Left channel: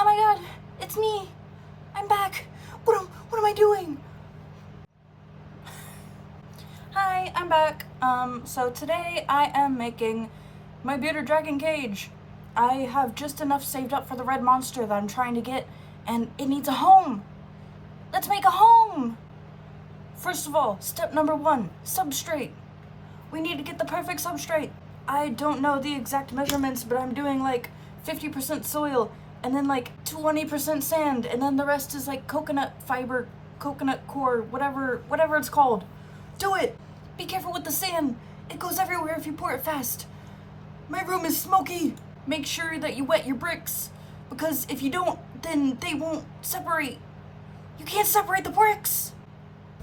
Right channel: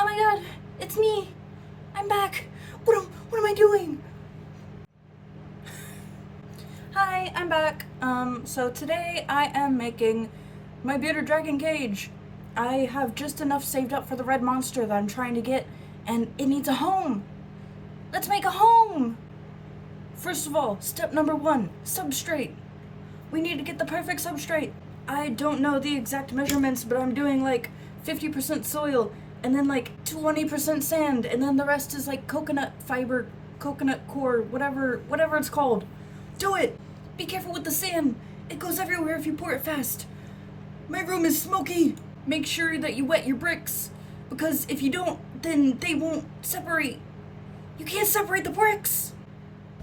Oh my god, it's me. I'm back. What am I doing? Hi, I'm back. So today I am making my bearded dragon cage. I have just enough saved up for the red monster that I'm trying to get, and it needs a home. Let's make a home. First of all, step number 1, substrate. We need to get the perfect substrate. I don't know the exact measurements, but I'm doing like 50% soil and then like 20% sand, and then the rest is like coconut fiber, coconut core, whatever it's called. Do it. Be careful with the sand. It goes everywhere if you pour it fast. My room is smoky. Make sure that you wet your bricks, because if you don't, then they won't separate. You can't separate the bricks.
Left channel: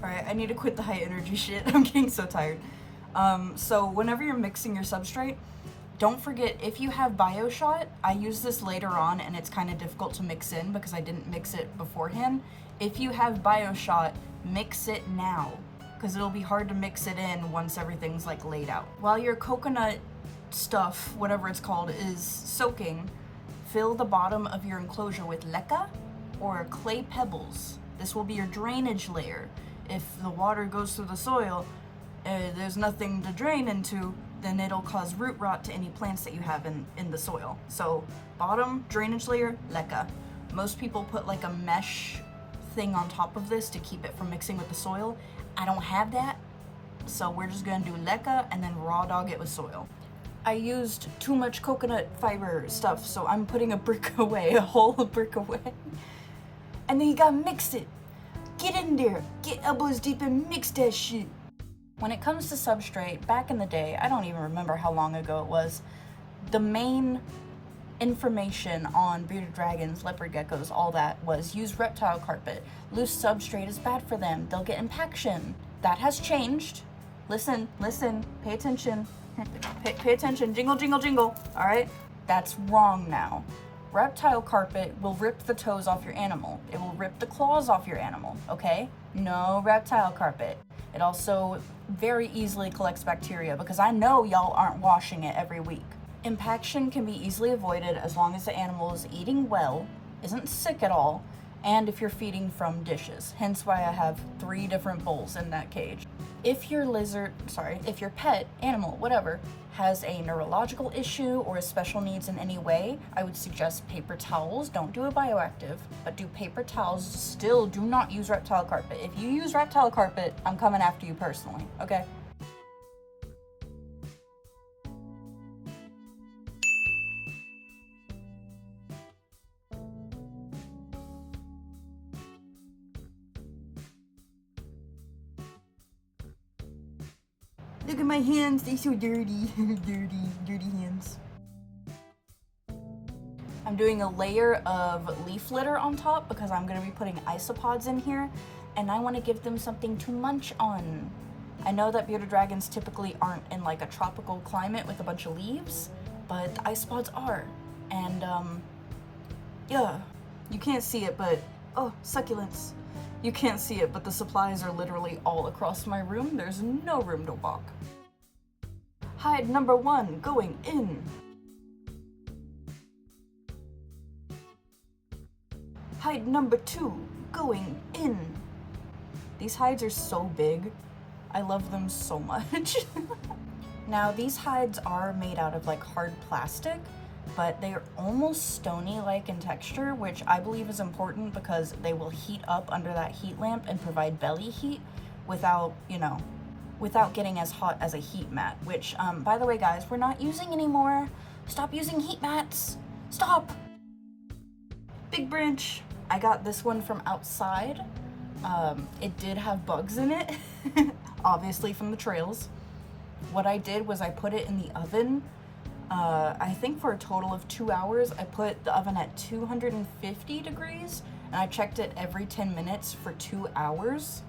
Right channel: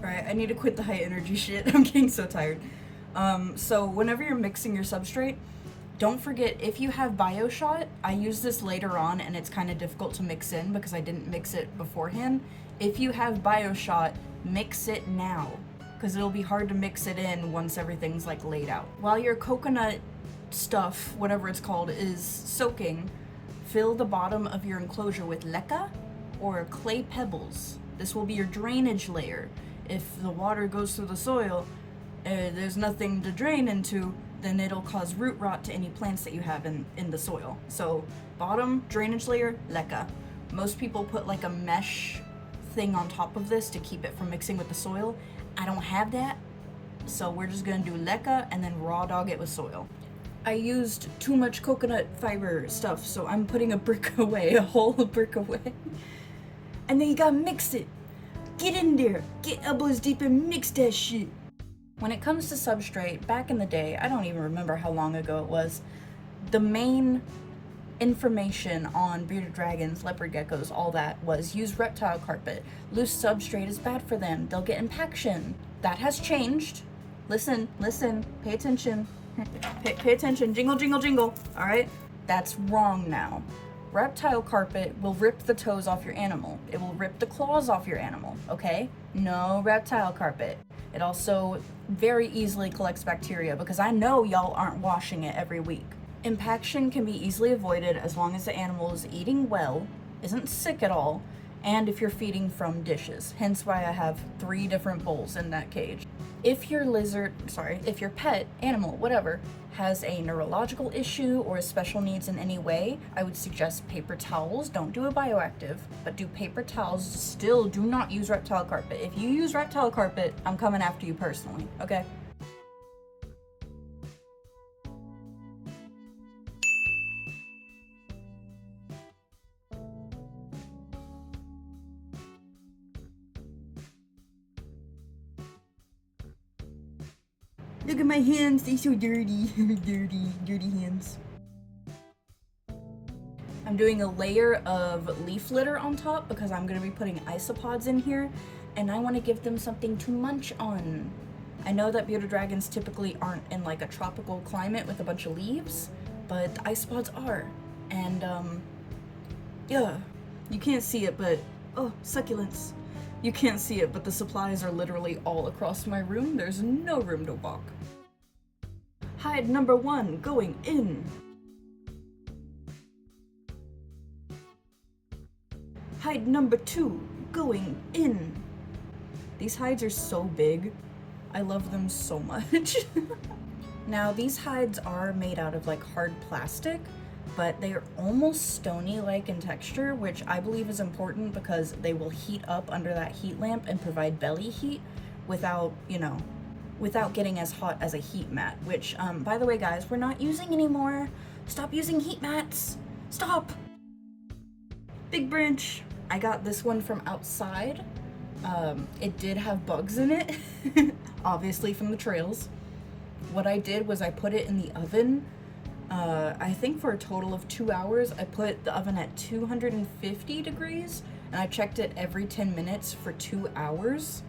Alright, I need to quit the high energy shit. I'm getting so tired. So whenever you're mixing your substrate, don't forget, if you have BioShot, I use this later on and it's kind of difficult to mix in because I didn't mix it beforehand. If you have BioShot, mix it now, because it'll be hard to mix it in once everything's like laid out. While your coconut stuff, whatever it's called, is soaking, fill the bottom of your enclosure with leca or clay pebbles. This will be your drainage layer. If the water goes through the soil, there's nothing to drain into, then it'll cause root rot to any plants that you have in the soil. So bottom drainage layer, leca. Most people put like a mesh thing on top of this to keep it from mixing with the soil. I don't have that, so we're just gonna do leca and then raw dog it with soil. I used too much coconut fiber stuff, so I'm putting a brick away, a whole brick away. And then you gotta mix it. Get in there, get elbows deep and mix that shit. When it comes to substrate, back in the day, I don't even remember how long ago it was, the main information on bearded dragons, leopard geckos, all that was use reptile carpet. Loose substrate is bad for them. They'll get impaction. That has changed. Listen, pay attention. Pay attention. Jingle, jingle, jingle. All right? That's wrong now. Reptile carpet will rip the toes off your animal. It will rip the claws off your animal, okay? No reptile carpet. It also very easily collects bacteria because I know y'all aren't washing it every week. Impaction can be easily avoided as long as the animal is eating well, isn't sick at all, and if you're feeding from dishes. Hence why I have 3 different bowls in that cage. If your if your pet, animal, whatever, has a neurological issue or special needs in any way, I would suggest paper towels. Don't do a bioactive, but do paper towels. Still do not use reptile carpet. If you use reptile carpet, I'm coming after you personally, okay? Look at my hands, they're so dirty. dirty hands. I'm doing a layer of leaf litter on top because I'm going to be putting isopods in here, and I want to give them something to munch on. I know that bearded dragons typically aren't in like a tropical climate with a bunch of leaves, but the isopods are. And yeah, you can't see it, but oh, succulents. You can't see it, but the supplies are literally all across my room. There's no room to walk. Hide number 1 going in. Hide number 2 going in. These hides are so big. I love them so much. Now, these hides are made out of like hard plastic, but they are almost stony-like in texture, which I believe is important because they will heat up under that heat lamp and provide belly heat without, you know, without getting as hot as a heat mat, which, by the way, guys, we're not using anymore. Stop using heat mats. Stop. Big branch. I got this one from outside. It did have bugs in it, obviously from the trails. What I did was I put it in the oven. I think for a total of 2 hours. I put the oven at 250 degrees and I checked it every 10 minutes for 2 hours.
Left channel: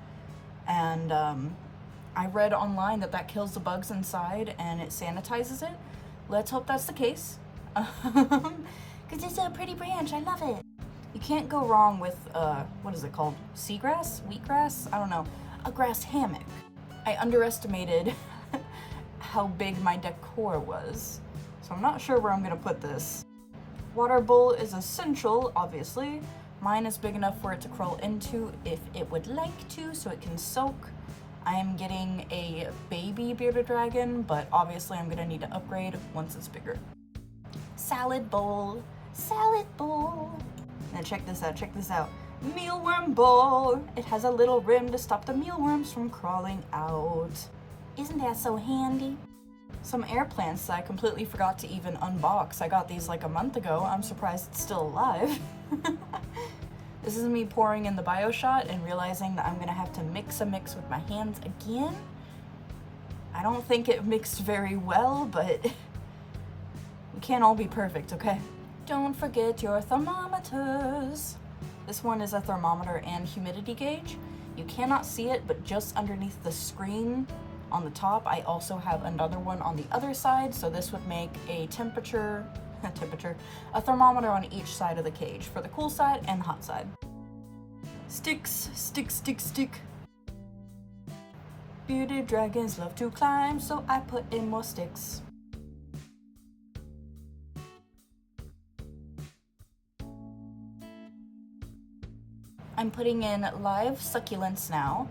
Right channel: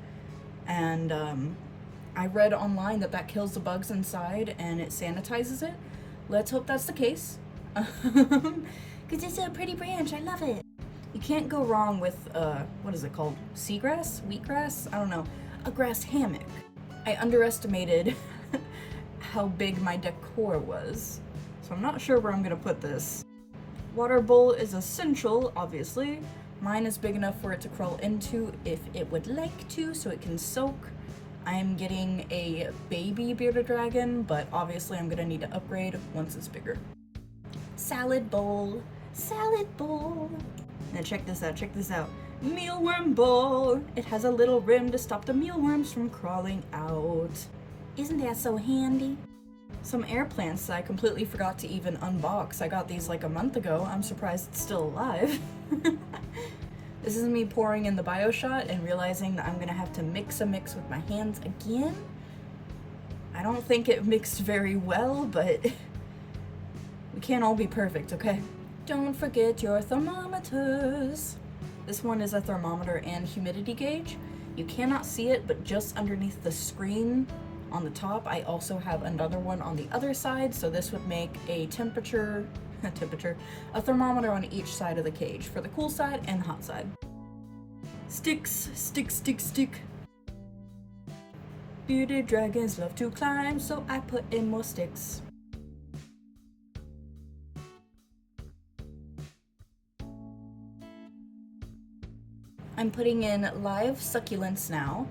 And I read online that that kills the bugs inside and it sanitizes it. Let's hope that's the case. Because it's a pretty branch, I love it. You can't go wrong with, what is it called? Seagrass? Wheatgrass? I don't know. A grass hammock. I underestimated how big my decor was. So I'm not sure where I'm gonna put this. Water bowl is essential, obviously. Mine is big enough for it to crawl into if it would like to, so it can soak. I am getting a baby bearded dragon, but obviously I'm gonna need to upgrade once it's bigger. Salad bowl, salad bowl. Now check this out, check this out. Mealworm bowl. It has a little rim to stop the mealworms from crawling out. Isn't that so handy? Some air plants that I completely forgot to even unbox. I got these like a month ago. I'm surprised it's still alive. This is me pouring in the bio shot and realizing that I'm gonna have to mix with my hands again. I don't think it mixed very well, but we can't all be perfect, okay? Don't forget your thermometers. This one is a thermometer and humidity gauge. You cannot see it, but just underneath the screen on the top, I also have another one on the other side, so this would make a a thermometer on each side of the cage for the cool side and the hot side. Sticks, stick, stick, stick. Bearded dragons love to climb, so I put in more sticks. I'm putting in live succulents now.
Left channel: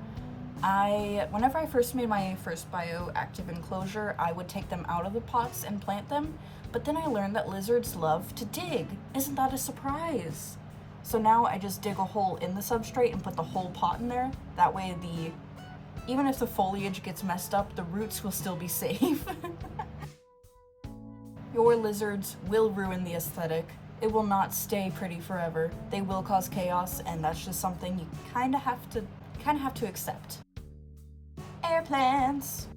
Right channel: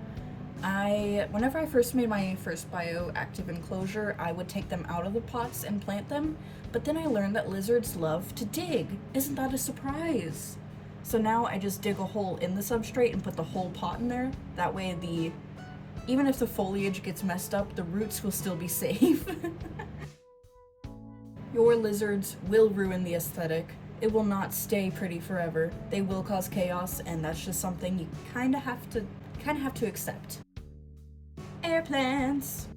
Whenever I first made my first bioactive enclosure, I would take them out of the pots and plant them, but then I learned that lizards love to dig. Isn't that a surprise? So now I just dig a hole in the substrate and put the whole pot in there. That way even if the foliage gets messed up, the roots will still be safe. Your lizards will ruin the aesthetic. It will not stay pretty forever. They will cause chaos, and that's just something you kind of have to accept. Air plants.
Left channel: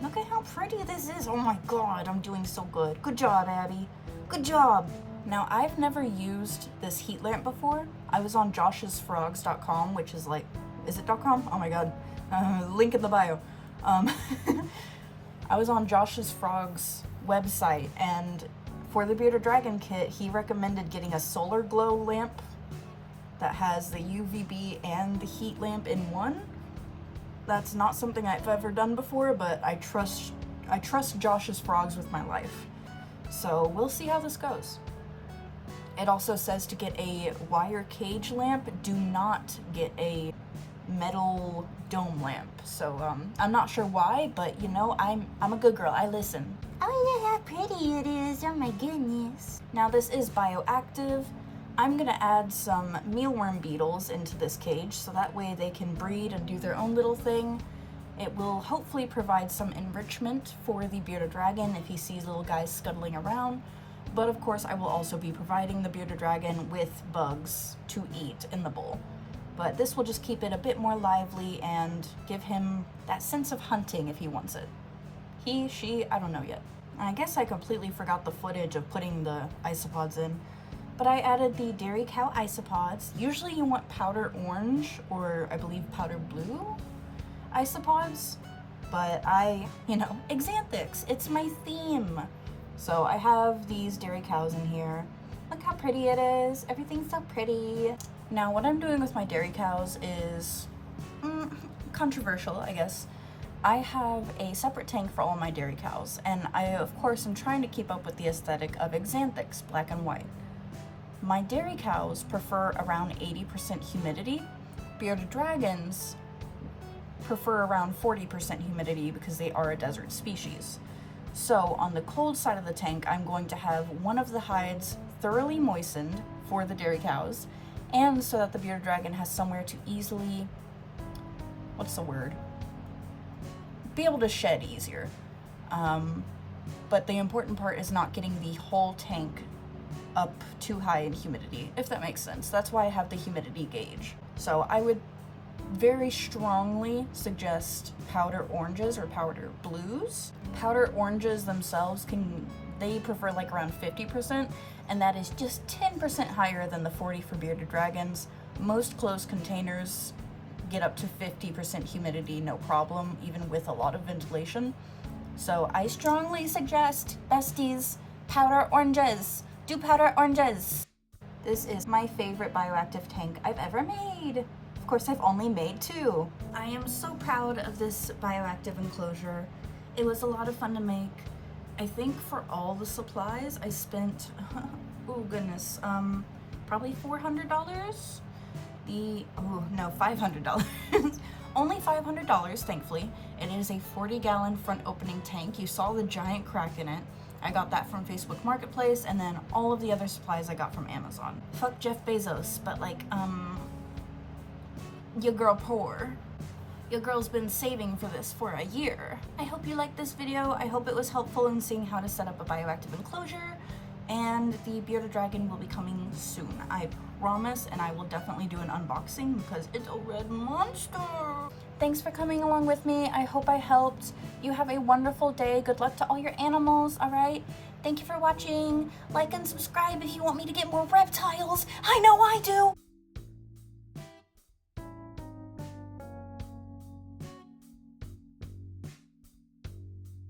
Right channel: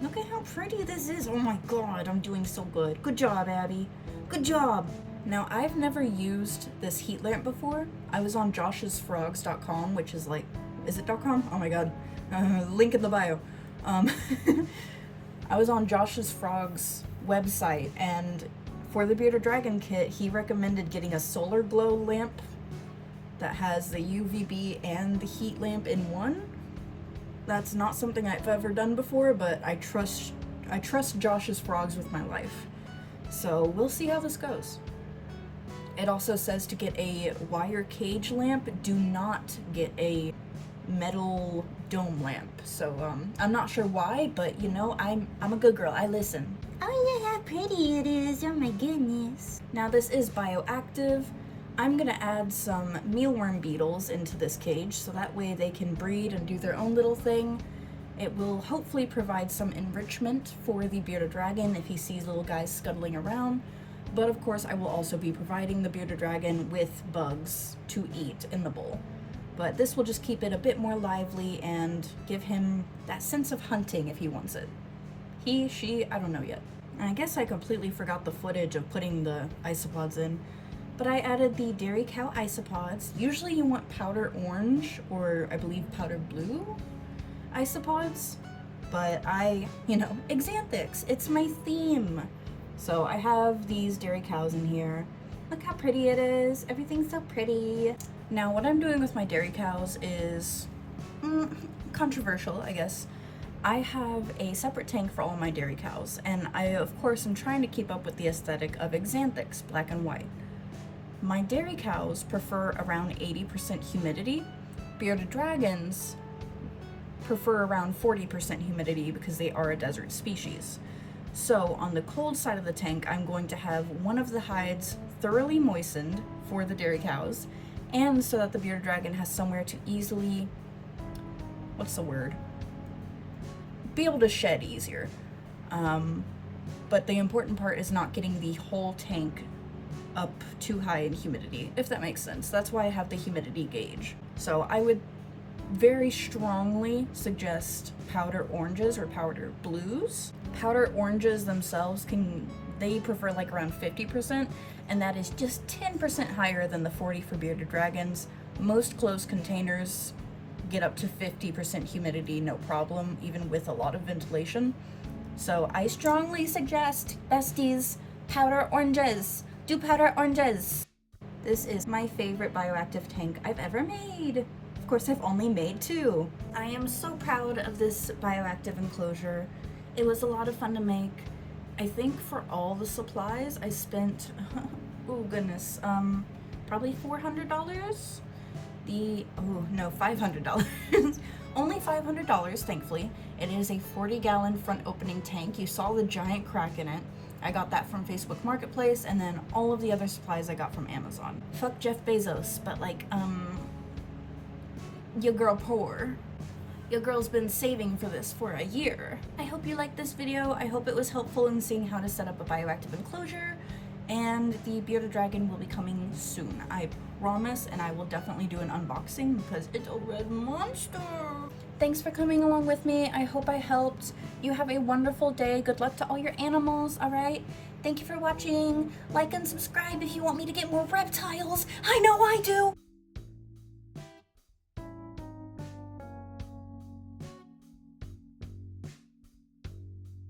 Look at how pretty this is. Oh my god, I'm doing so good. Good job, Abby. Good job. Now, I've never used this heat lamp before. I was on joshsfrogs.com, which is like, is it .com? Oh my god. Link in the bio. I was on Josh's Frogs website, and for the Bearded Dragon kit, he recommended getting a solar glow lamp that has the UVB and the heat lamp in one. That's not something I've ever done before, but I trust Josh's Frogs with my life. So we'll see how this goes. It also says to get a wire cage lamp. Do not get a metal dome lamp. So I'm not sure why, but you know, I'm a good girl. I listen. Oh yeah, how pretty it is. Oh my goodness. Now this is bioactive. I'm gonna add some mealworm beetles into this cage so that way they can breed and do their own little thing. It will hopefully provide some enrichment for the bearded dragon if he sees little guys scuttling around. But of course I will also be providing the bearded dragon with bugs to eat in the bowl. But this will just keep it a bit more lively and give him that sense of hunting if he wants it. He, she, I don't know yet. I guess I completely forgot the footage of putting the isopods in, but I added the dairy cow isopods. Usually you want powder orange or I believe powder blue isopods, but Xanthics, it's my theme. So I have these dairy cows in here. Look how pretty it is. Everything's so pretty. Now what I'm doing with my dairy cows is controversial, I guess. I have a separate tank for all my dairy cows, and I of course am trying to keep up with the aesthetic of Xanthics, black and white. My dairy cows prefer around 80% humidity. Bearded dragons prefer around 40% humidity because they are a desert species. So on the cold side of the tank, I'm going to have one of the hides thoroughly moistened for the dairy cows, and so that the bearded dragon has somewhere to easily, be able to shed easier. But the important part is not getting the whole tank up too high in humidity, if that makes sense. That's why I have the humidity gauge. So I would very strongly suggest powder oranges or powder blues. Powder oranges themselves they prefer like around 50%, and that is just 10% higher than the 40 for bearded dragons. Most closed containers get up to 50% humidity, no problem, even with a lot of ventilation. So I strongly suggest, besties, powder oranges. Do powder oranges. This is my favorite bioactive tank I've ever made. Of course, I've only made 2. I am so proud of this bioactive enclosure. It was a lot of fun to make. I think for all the supplies I spent, oh goodness, probably $400? No, $500. Only $500, thankfully. It is a 40-gallon front opening tank. You saw the giant crack in it. I got that from Facebook Marketplace, and then all of the other supplies I got from Amazon. Fuck Jeff Bezos, but like, your girl poor. Your girl's been saving for this for a year. I hope you liked this video. I hope it was helpful in seeing how to set up a bioactive enclosure, and the bearded dragon will be coming soon. I promise, and I will definitely do an unboxing because it's a red monster. Thanks for coming along with me. I hope I helped. You have a wonderful day. Good luck to all your animals, all right? Thank you for watching. Like and subscribe if you want me to get more reptiles. I know I do.